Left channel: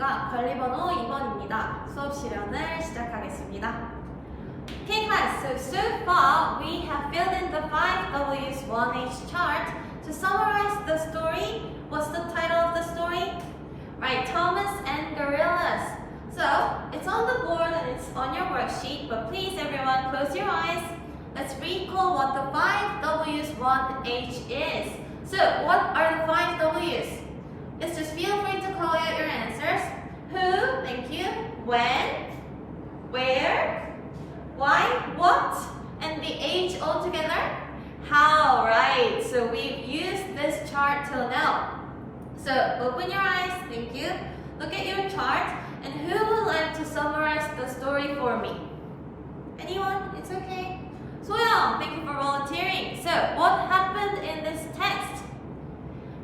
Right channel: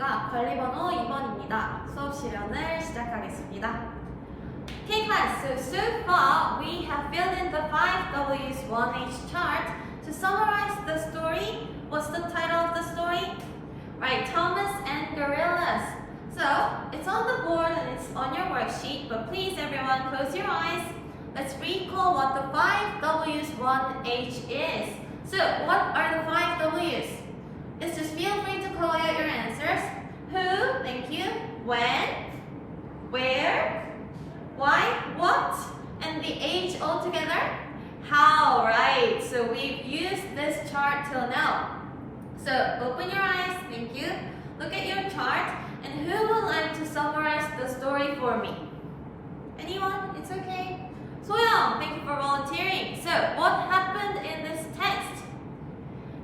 있을까? 관리번호 2번입니다. 수업실연을 시작하겠습니다. Okay class, so far we have filled in the 5W's 1H chart. To summarize the story, what's the title of the story? Right, Thomas and Gorillas. So, it's on the board and it's on your worksheet, but please everyone close your eyes. Let's recall what the 5W's 1H is. So, what are the 5W's? Let's just feel free to call out your answers. Who, thank you, when, where, why, what, and the H all together? How, right? So we've used this chart till now. So open your eyes, thank you. Look at your chart, and who would like to summarize the story for me? Anyone? It's okay. Soyoung, thank you for volunteering. So what happened in this text?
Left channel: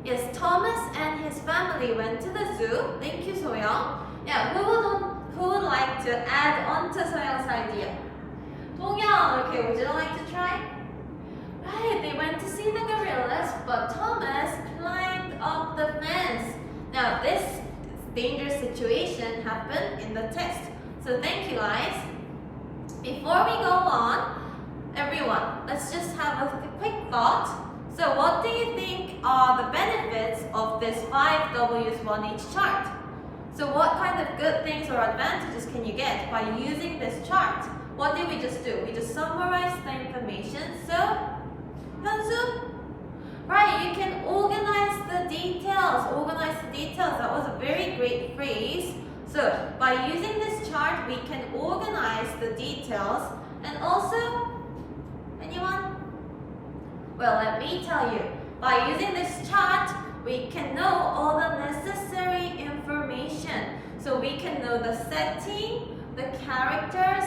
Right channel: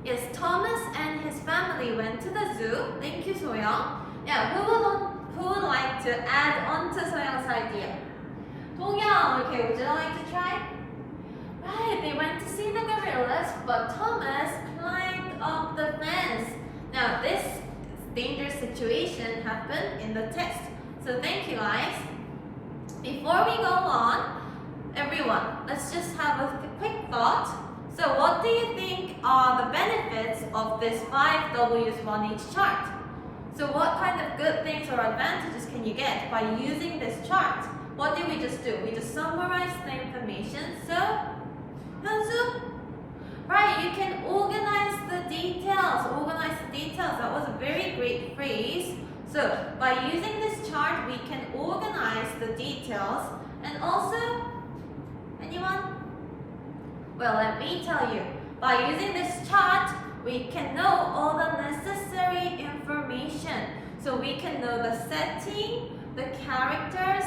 Yes, Thomas and his family went to the zoo. Thank you, Soyoung. Yeah, who would like to add on to Soyoung's idea? Dongyeong, okay, would you like to try? Right, they went to see the gorillas, but Thomas climbed up the fence. Now, this dangerous situation happened in the text. So thank you, guys. Before we go on, everyone, let's just have a quick thought. So what do you think are the benefits of this 5W's 1H chart? So what kind of good things or advantages can you get by using this chart? What did we just do? We just summarized the information. So, Hyunsu? Right, you can organize the details. Organize the details. That was a very great phrase. So, by using this chart, we can organize the details. And also, anyone? Well, let me tell you. By using this chart, we can know all the necessary information. So we can know the setting, the characters,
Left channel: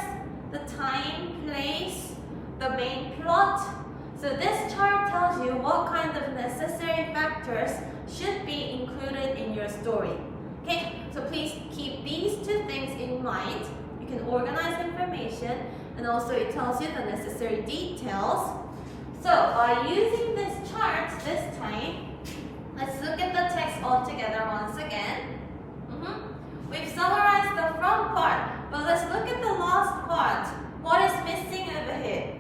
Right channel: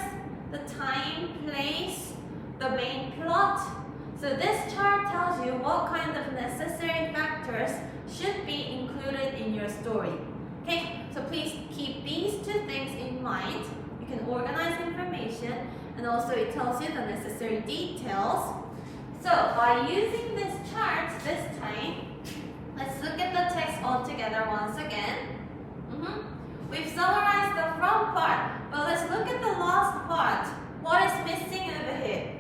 the time, place, the main plot. So this chart tells you what kind of necessary factors should be included in your story. Okay, so please keep these two things in mind. You can organize information, and also it tells you the necessary details. So by using this chart this time, let's look at the text all together once again. We've summarized the front part, but let's look at the last part. What is missing over here?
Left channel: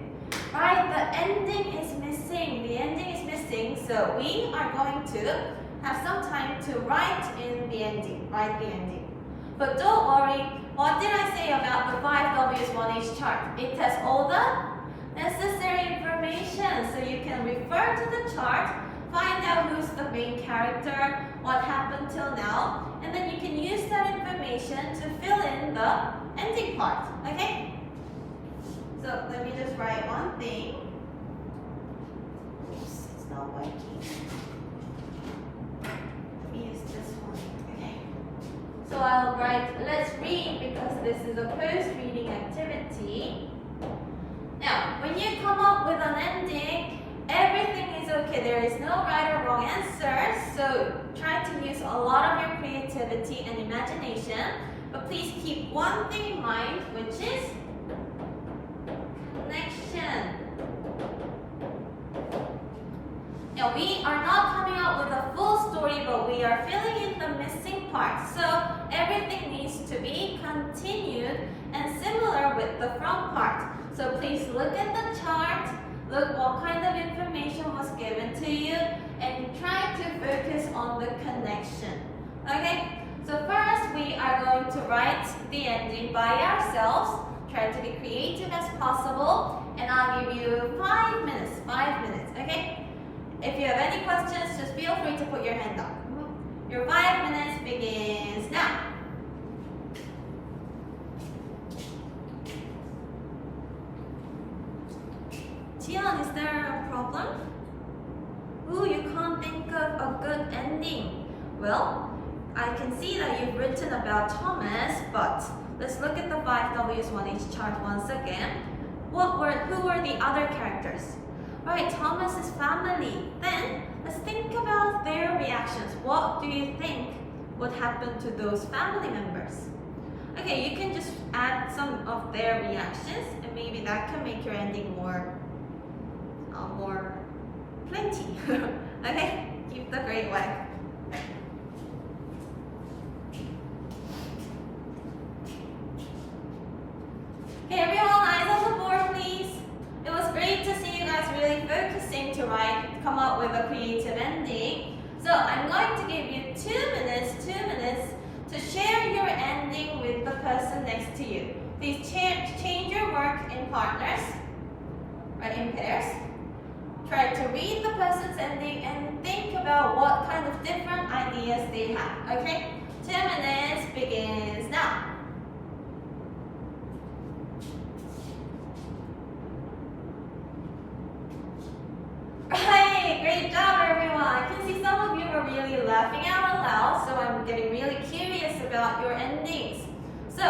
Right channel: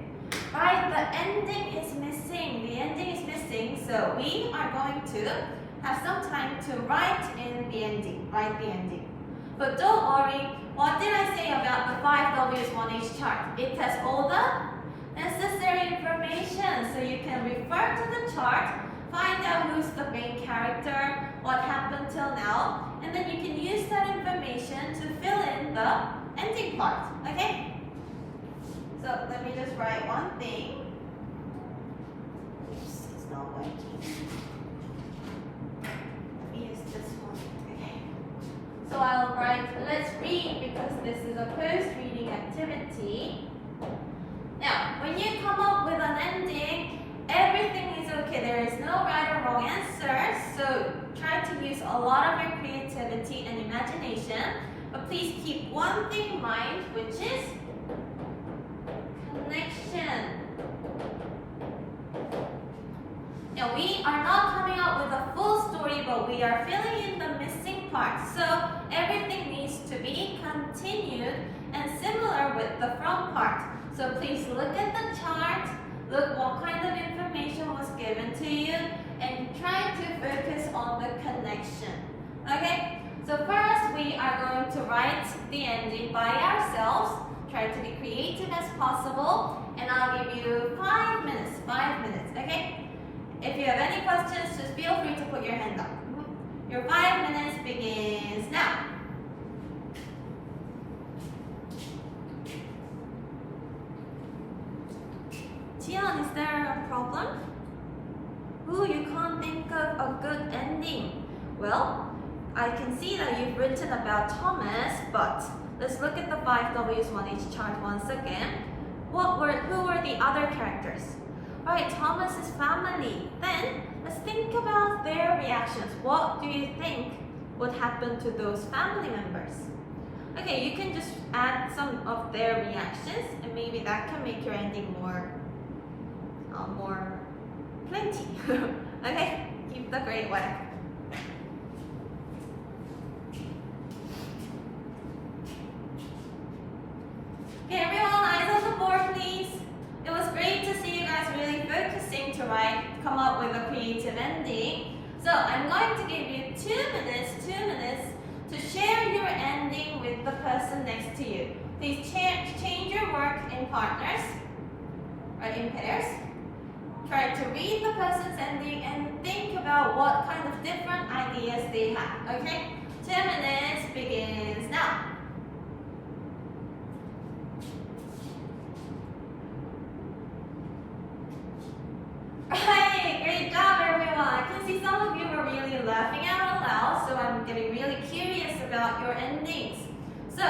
Right, the ending is missing. The ending is missing, so we are going to have some time to write in the ending. Write the ending. But don't worry, what did I say about the 5W's 1H chart? It has all the necessary information, so you can refer to the chart, find out who's the main character, what happened till now, and then you can use that information to fill in the ending part, okay? So let me just write one thing. Oops, it's not working. Let me use this one, okay? So I'll write, let's read, because this is a closed reading activity. Now, when you come up with an ending, everything is okay. There is no right or wrong answer. So try to use a lot of your creativity and imagination. But please keep one thing in mind, which is connection. Now, we are not coming up with a full story, but we are filling in the missing parts. So everything needs to be continued and similar with the front part. So please look at the chart, look what kind of information was given to you, and try to focus on the connection. Okay? So first, we are going to write the ending by ourselves. Try to be creative as possible, and I'll give you 5 minutes. 5 minutes, okay? If you have any questions, just feel free to put your hand up. Your 5 minutes begins now. Jian, is there a problem? Ooh, you can't think of a good ending. Well, I can see that you've written about Thomas, but let's look at the 5W's 1H chart once again. Who were the other characters? Alright, Thomas's family. Then, let's think about their reactions. What do you think would happen to those family members? Okay, you can just add some of their reactions, and maybe that can make your ending more plenty. Okay, keep the great work. So I'm going to give you 2 minutes to share your ending with the person next to you. Please change your work in partners, or in pairs. Try to read the person's ending and think about what kind of different ideas they have, okay? 2 minutes begins now. Right, great job everyone. I can see some of you are really laughing out loud, so I'm getting really curious about your endings. So,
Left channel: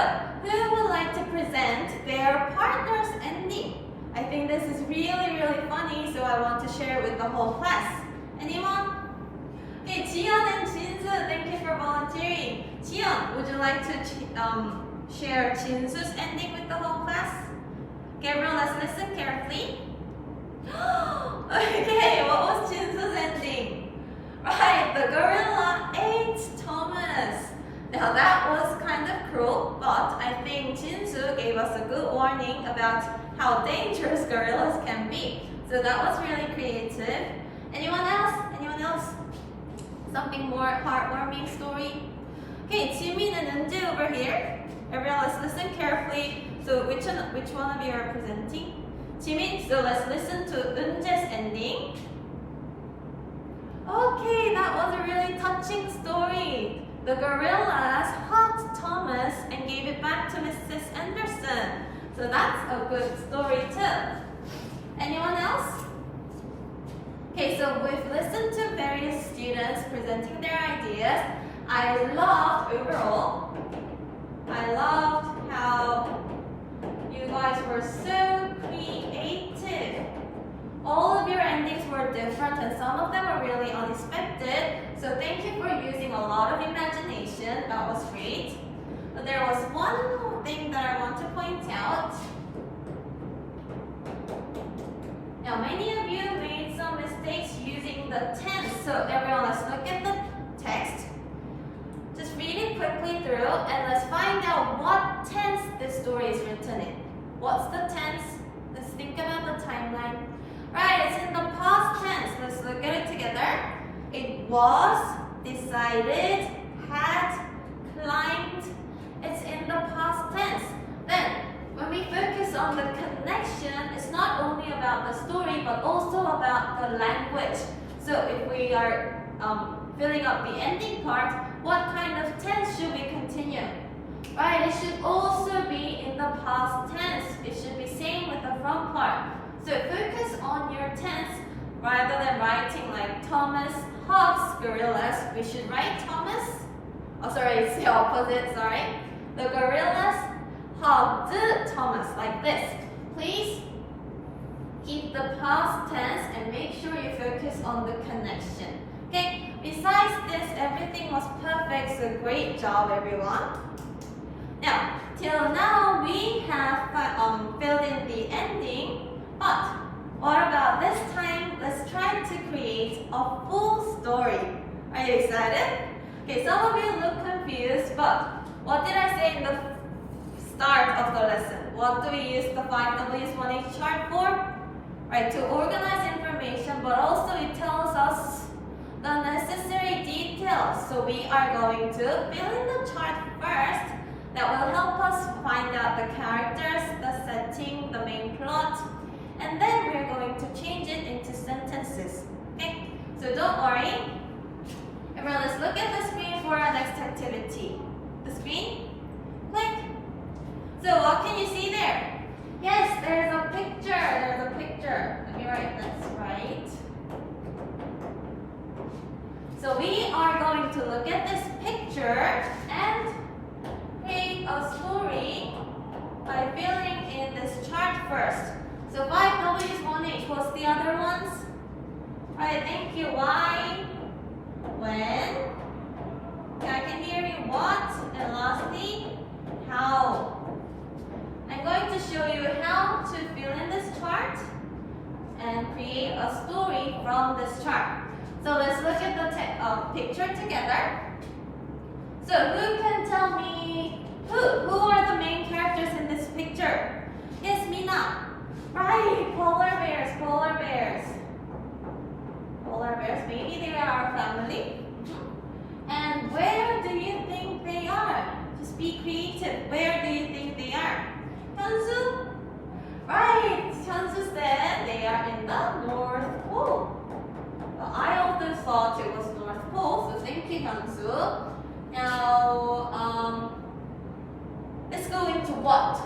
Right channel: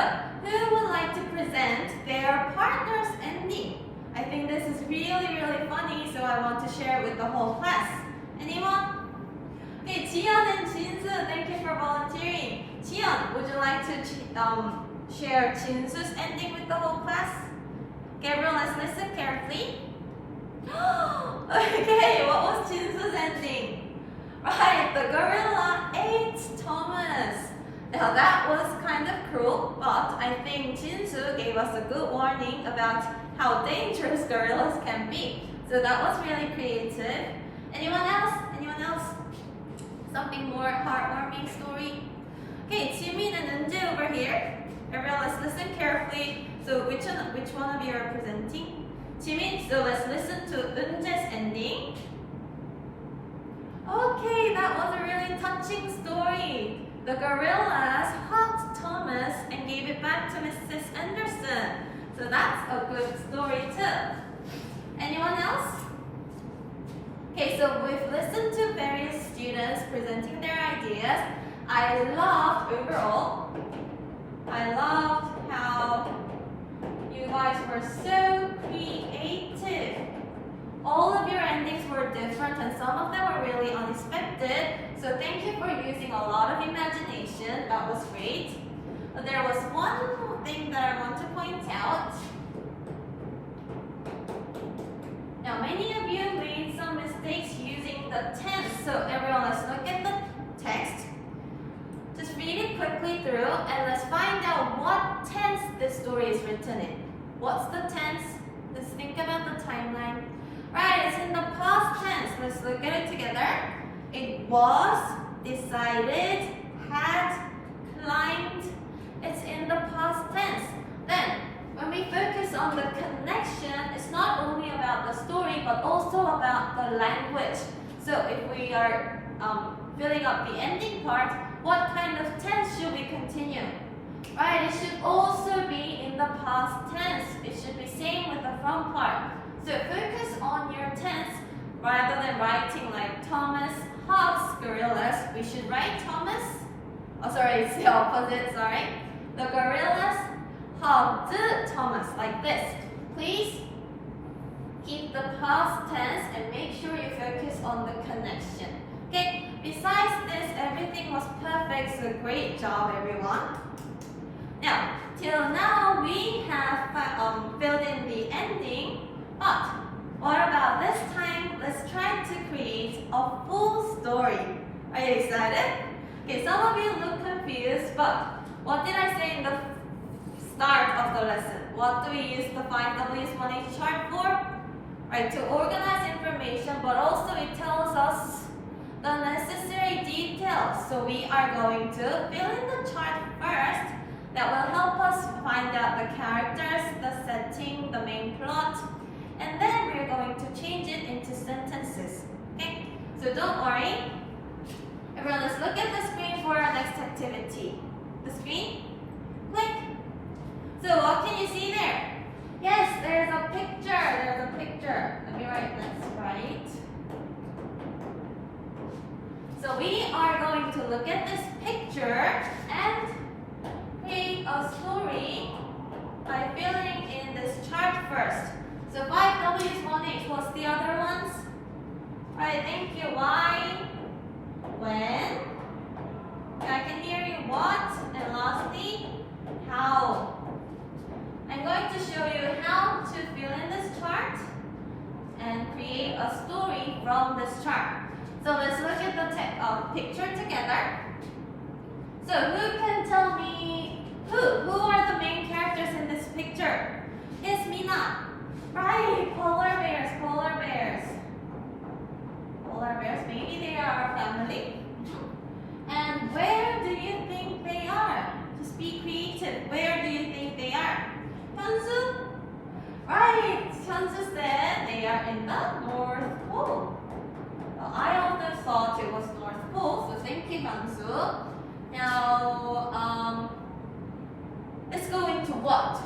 who would like to present their partner's ending? I think this is really funny, so I want to share it with the whole class. Anyone? Okay, Jiyeon and Jinsu, thank you for volunteering. Jiyeon, would you like to share Jinsu's ending with the whole class? Okay, everyone, let's listen carefully. Okay, what was Jinsu's ending? Right, the gorilla ate Thomas. Now that was kind of cruel, but I think Jinsu gave us a good warning about how dangerous gorillas can be. So that was really creative. Anyone else? Anyone else? Something more heartwarming story? Okay, Jimin and Eunjae over here. Everyone, let's listen carefully. So which one of you are presenting? Jimin, so let's listen to Eunjae's ending. Okay, that was a really touching story. The gorillas hugged Thomas and gave it back to Mrs. Anderson. So that's a good story too. Anyone else? Okay, so we've listened to various students presenting their ideas. I loved how you guys were so creative. All of your endings were different and some of them were really unexpected. So thank you for using a lot of imagination. That was great. But there was one thing that I want to point out. Now many of you made some mistakes using the tense. So everyone, let's look at the text. Just read it quickly through and let's find out what tense this story is written in. What's the tense? Let's think about the timeline. Right, it's in the past tense. Let's look at it together. It was, decided, had, climbed. It's in the past tense. Then, when we focus on the connection, it's not only about the story, but also about the language. So if we are filling up the ending part, what kind of tense should we continue? Right, it should also be in the past tense. It should be same with the from part. So focus on your tense rather than writing like Thomas hugs gorillas. We should write Thomas. Oh, sorry, it's the opposite, sorry. The gorillas hugged Thomas like this. Please keep the past tense and make sure you focus on the connection. Okay, besides this, everything was perfect, so great job, everyone. Now, till now, we have filled in the ending. But what about this time? Let's try to create a full story. Are you excited? Okay, some of you look confused, but what did I say in the start of the lesson? What do we use the 5Ws 1H chart for? Right, to organize information, but also it tells us the necessary details. So we are going to fill in the chart first. That will help us find out the characters, the setting, the main plot. And then we're going to change it into sentences. Okay? So don't worry. Everyone, let's look at the screen for our next activity. The screen? Click. So what can you see there? Yes, there's a picture. There's a picture. Let me write this right. So we are going to look at this picture and create a story by filling in this chart first. So 5Ws, 1H, what's the other ones? Alright, thank you. Why? When? Okay, I can hear you. What? And lastly, how? I'm going to show you how to fill in this chart and create a story from this chart. So let's look at the picture together. So who can tell me who are the main characters in this picture? It's Mina. Right, polar bears. Polar bears, maybe they are our family family. And where do you think they are? Just be creative. Where do you think they are? 현수? Right. 현수 said they are in the North Pole. I also thought it was North Pole, so thank you, Hyunsu. Now, let's go into what.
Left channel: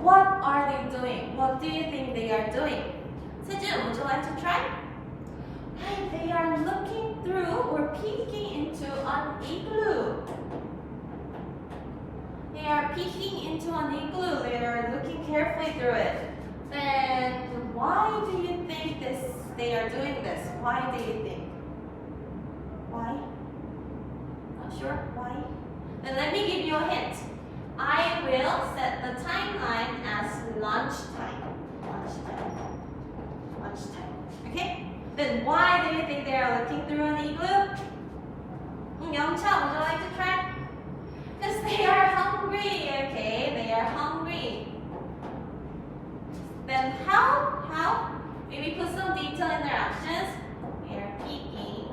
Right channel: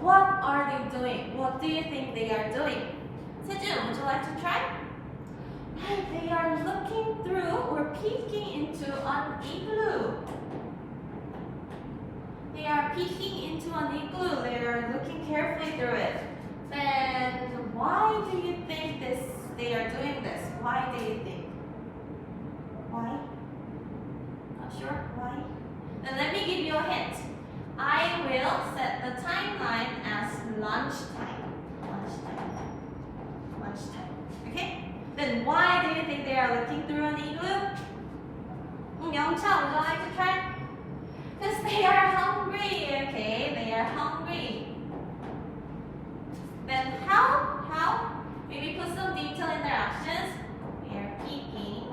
What are they doing? What do you think they are doing? Sejun, would you like to try? Right, they are looking through or peeking into an igloo. They are peeking into an igloo. They are looking carefully through it. Then, why do you think they are doing this? Why do you think? Why? Not sure? Why? Then let me give you a hint. I will set the timeline as lunchtime. Lunchtime. Okay? Then why do you think they are looking through an igloo? Youngcha, would you like to try? Because they are hungry. Okay? They are hungry. Then how? Maybe put some detail in their actions. They are peeking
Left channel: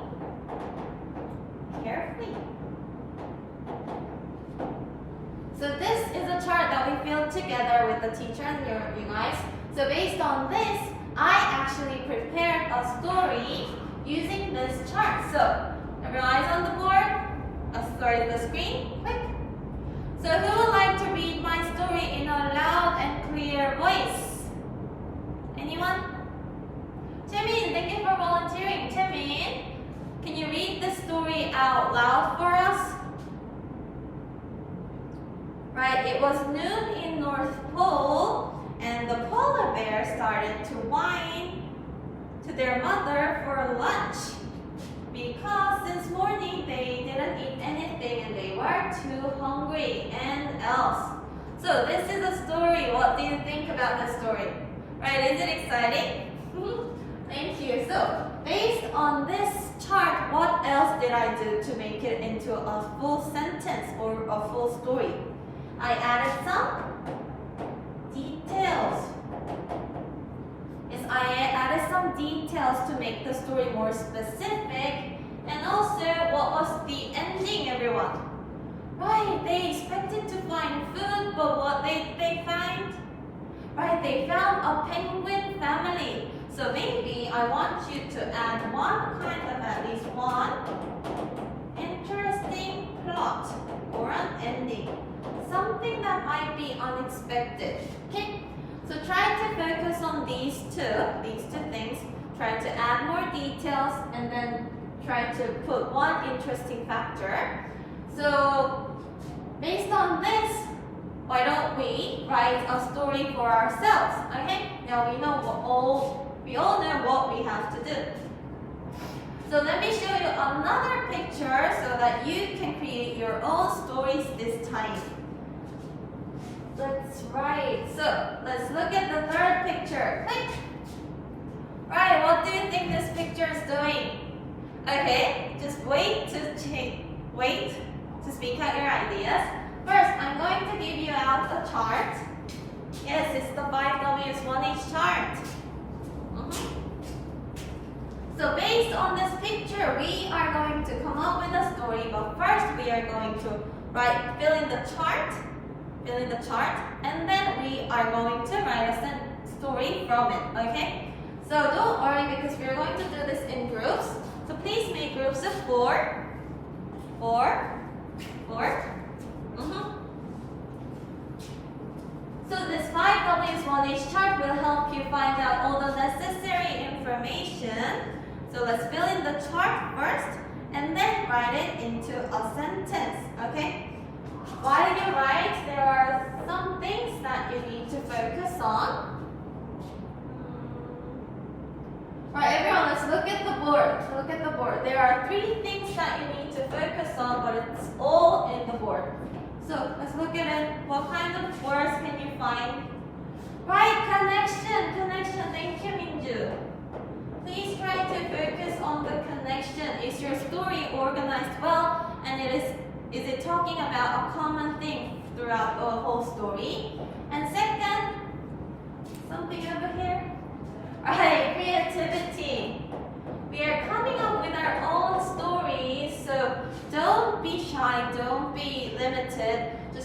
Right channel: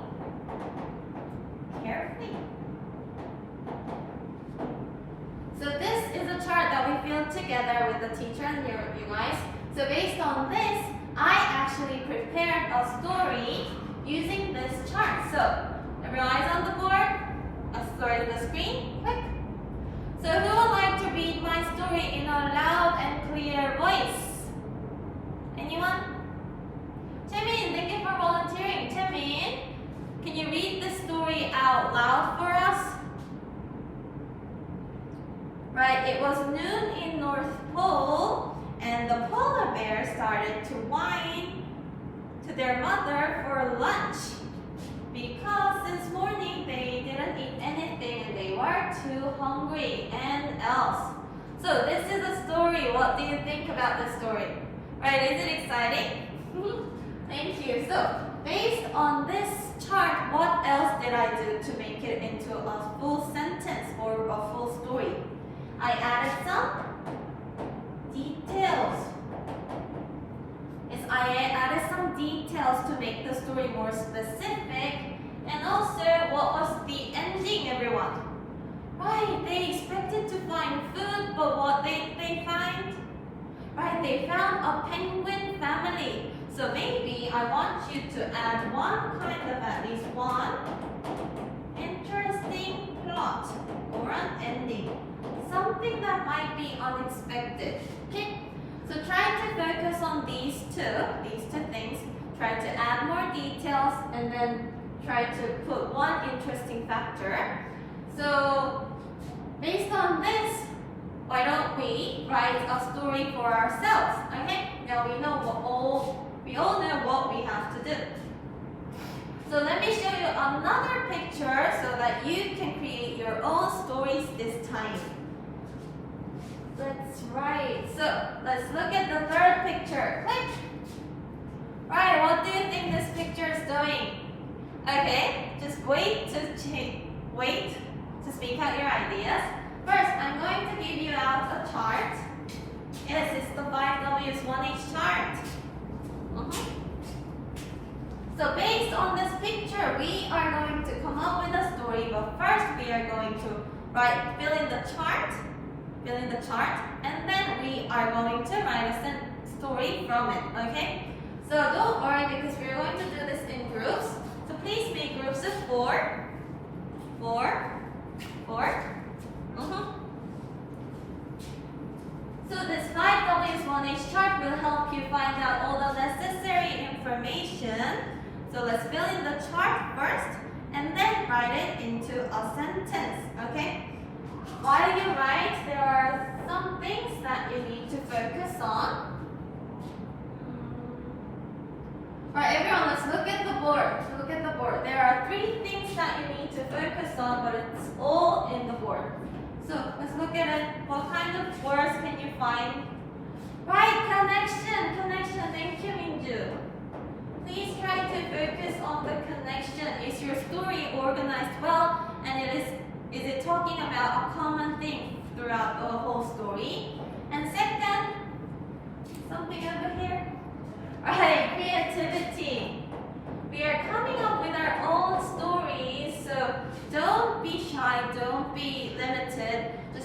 carefully. So this is a chart that we filled together with the teacher and you guys. So based on this, I actually prepared a story using this chart. So everyone eyes on the board, a story on the screen, quick. So who would like to read my story in a loud and clear voice? Anyone? Chaemin, thank you for volunteering. Chaemin, can you read the story out loud for us? Right, it was noon in North Pole, and the polar bear started to whine to their mother for lunch because this morning they didn't eat anything and they were too hungry and else. So this is a story. What do you think about this story? Right, is it exciting? Thank you. So based on this chart, what else did I do to make it into a full sentence or a full story? I added some details. Yes, I added some details to make the story more specific. And also, what was the ending, everyone? Right, they expected to find food, but what did they find? Right, they found a penguin family. So maybe I want you to add one kind of at least one interesting plot or an ending. Something that might be unexpected. Okay? So try to focus on these two things. Try to add more details and then try to put one interesting factor. So based on this, why don't we write a story for ourselves? Okay? Now we all know what we have to do. So let me show you another picture so that you can create your own stories this time. That's right. So let's look at the third picture. Quick. Right, what do you think this picture is doing? Okay, just wait to speak out your ideas. First, I'm going to give you out a chart. Yes, it's the 5W's 1H chart. So based on this picture, we are going to come up with a story, but first we are going to fill in the chart, and then we are going to write a story from it, okay? So don't worry because we're going to do this in groups. So please make groups of 4. So this 5W's 1H chart will help you find out all the necessary information. So let's fill in the chart first and then write it into a sentence, okay? While you write, there are some things that you need to focus on. Alright, everyone, let's look at the board. There are 3 things that you need to focus on, but it's all in the board. So let's look at it. What kind of words can you find? Right, connection. Thank you, Minju. Please try to focus on the connection. Is your story organized well? And is it talking about a common thing throughout the whole story? And second, something over here. Alright, creativity. We are coming up with our own story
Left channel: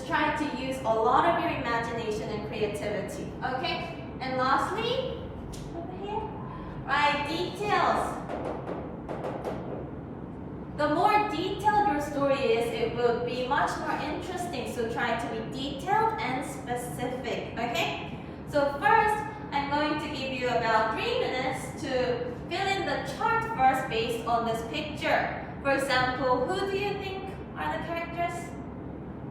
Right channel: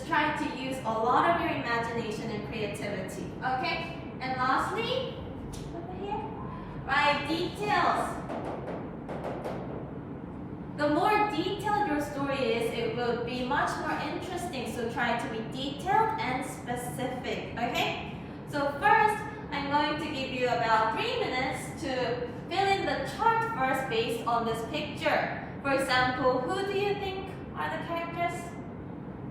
just try to use a lot of your imagination and creativity. Okay? And lastly, over here, right, details. The more detailed your story is, it will be much more interesting. So try to be detailed and specific. Okay? So first, I'm going to give you about 3 minutes to fill in the chart first based on this picture. For example, who do you think are the characters?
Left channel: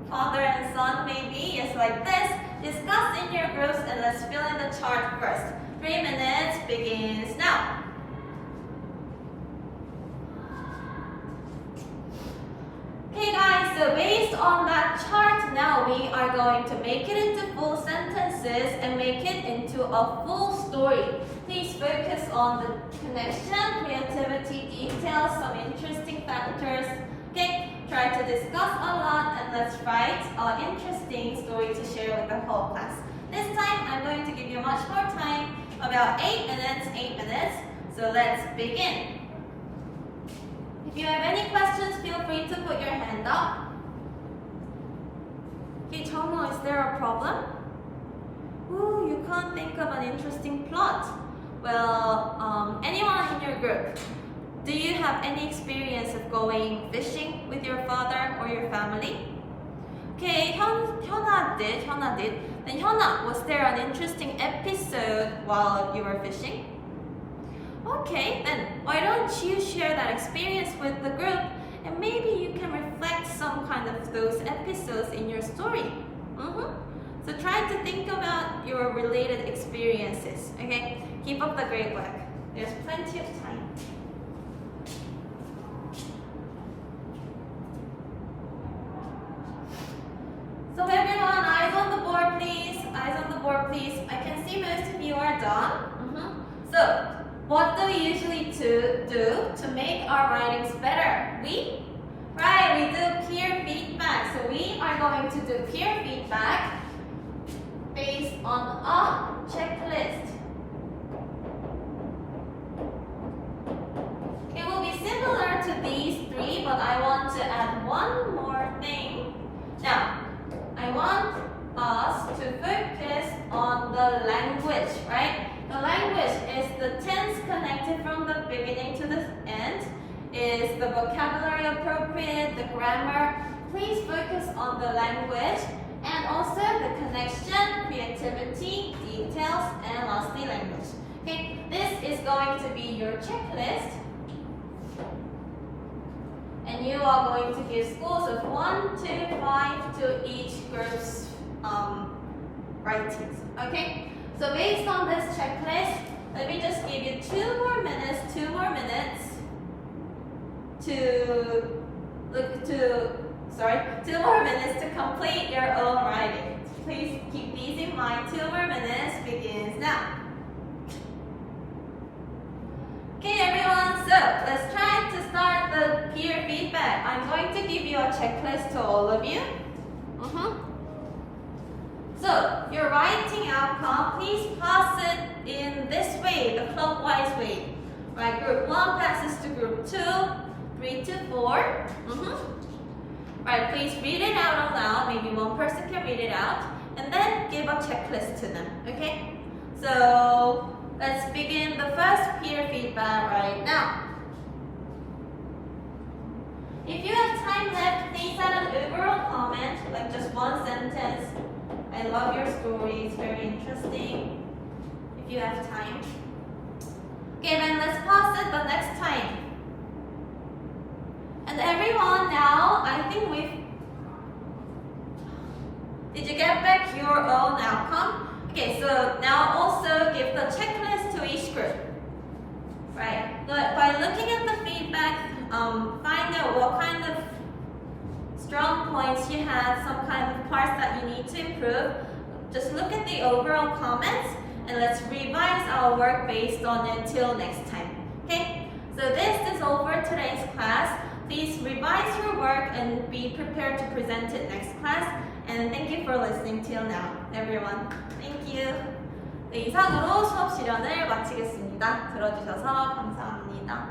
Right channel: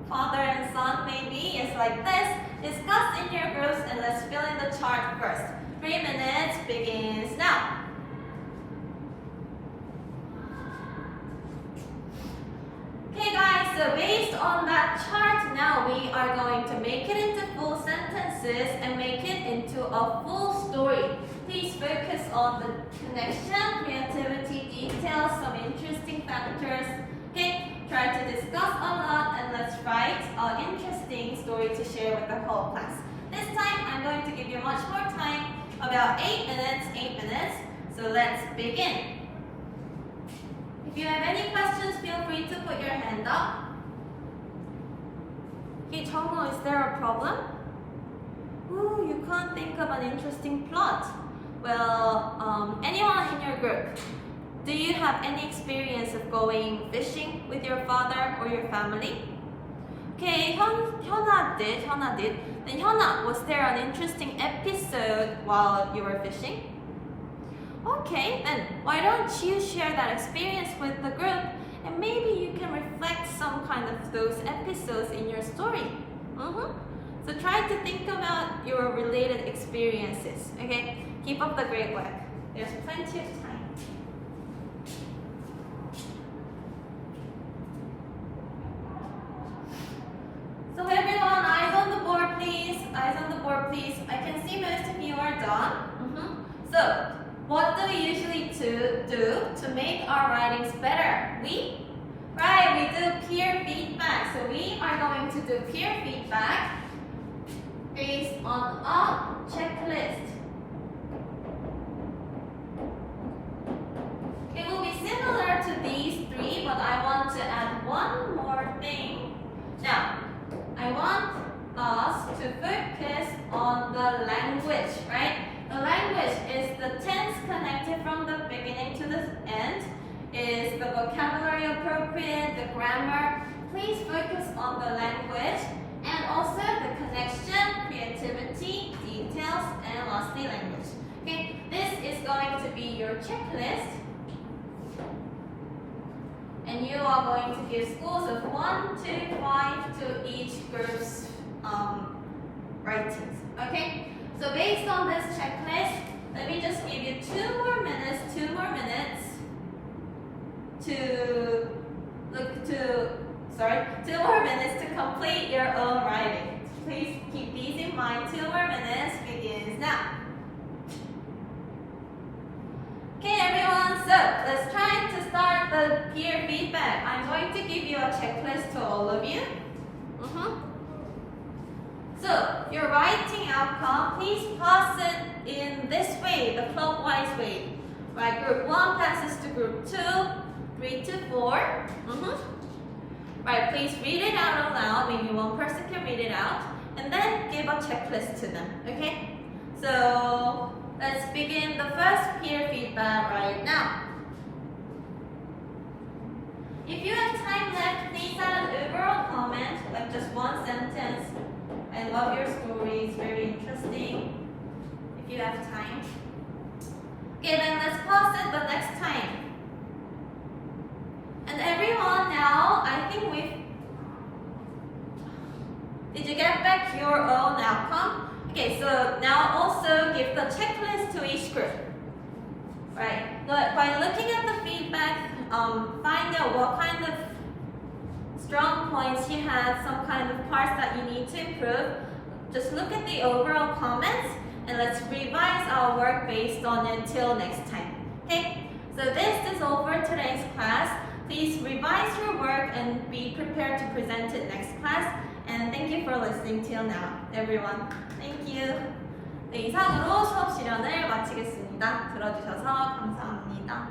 Father and son, maybe. It's like this. Discuss in your groups and let's fill in the chart first. 3 minutes begins now. Okay guys, so based on that chart, now we are going to make it into full sentences and make it into a full story. Please focus on the connection, creativity, details, some interesting factors. Okay, try to discuss a lot and let's write an interesting story to share with the whole class. This time, I'm going to give you much more time, about 8 minutes. So let's begin. If you have any questions, feel free to put your hand up. Okay, Chongno, is there a problem? Ooh, you can't think of an interesting plot. Well, anyone in your group, do you have any experience of going fishing with your father or your family? Okay, Hyuna did. Then Hyuna, was there an interesting episode while you were fishing? Okay, then why don't you share that experience with the group and maybe you can reflect some kind of those episodes in your story. So try to think about your related experiences, okay? Keep up the great work. There's plenty of time. So everyone, eyes on the board please. Eyes on the board please. I can see most of you are done. So, what do we usually do to make our writings better? We do peer feedback. So we are going to do peer feedback based on a checklist. It will be similar to these three, but I want to add one more thing. Now, I want us to focus on the language, right? The language is the tense connected from the beginning to the end. Is the vocabulary appropriate? The grammar? Please focus on the language and also the connection, creativity, details, and lastly language. Okay, this is going to be your checklist. And you are going to give scores of 1 to 5 to each group's writings. Okay? So based on this checklist, let me just give you 2 more minutes to complete your own writing. Please keep these in mind. 2 more minutes begins now. Okay everyone, so let's try to start the peer feedback. I'm going to give you a checklist to all of you. So, your writing outcome, please pass it in this way, the clockwise way. Right, group 1 passes to group 2, 3 to 4. Right, please read it out aloud. Maybe one person can read it out. And then give a checklist to them, okay? So, let's begin the first peer feedback right now. If you have time left, please add an overall comment, like just one sentence. I love your story, it's very interesting. If you have time. Okay, then let's pause it the next time. And everyone now, I think did you get back your own outcome? Okay, so now also give the checklist to each group. Right, but by looking at the feedback, find out what kind of strong points you had, some kind of parts that you need to improve. Just look at the overall comments and let's revise our work based on it till next time. Okay, so this is all for today's class. Please revise your work and be prepared to present it next class. And thank you for listening till now, everyone. Thank you. 네, 이상으로 수업 실연을 마치겠습니다. 들어주셔서 감사합니다.